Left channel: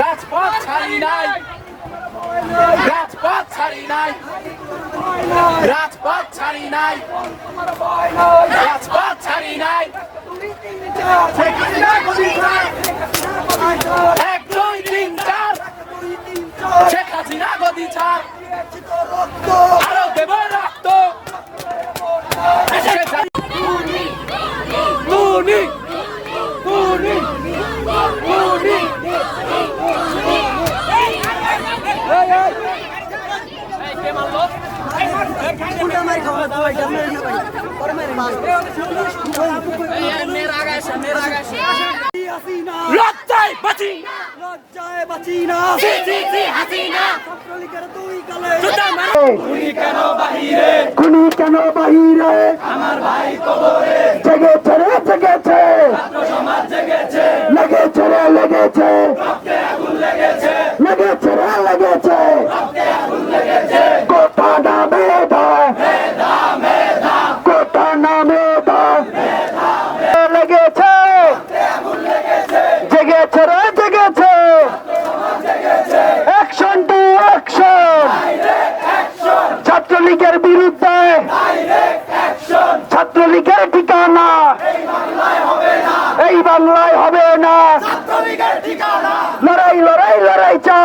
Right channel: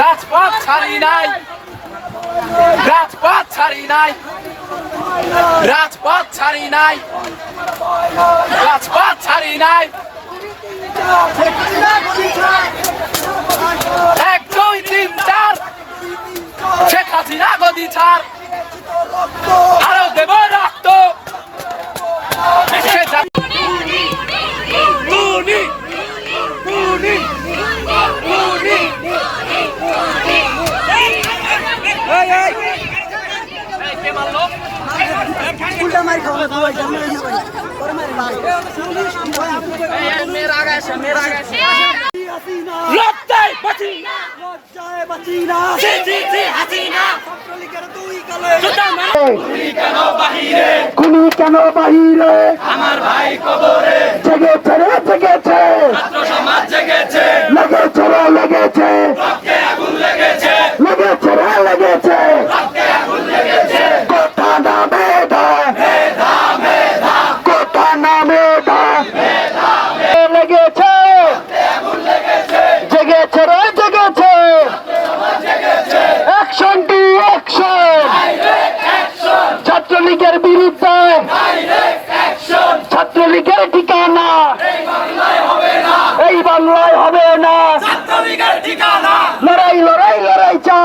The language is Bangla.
রাজপথ ছাড়ি নাই। রাজপথ ছাড়ি নাই। রাজপথ ছাড়ি নাই। রাজপথ ছাড়ি নাই। এক দুই তিন চার। শেখ হাসিনা গদি ছাড় লজ্জায় বাঁচি না। লজ্জায় বাঁচি না। জি জি জি হাসিনা ছাত্রলীগের দুই কালে? জুতা মার। খুনি কেন বাহিরে? আমার ভাই কবরে। জেগেছে। রে জেগেছে। লেগেছে রে লেগেছে। লেগেছে রে লেগেছে কোটা না মেধা কোটা না মেধা লেগেছে জেগেছে রে জেগেছে। অ্যাকশন টু ছাত্রলীগের বিরুদ্ধে। ছাত্রলীগের ঠিকানা। এই বাংলায় হবে না। লড়াই লড়াই লড়াই চাই।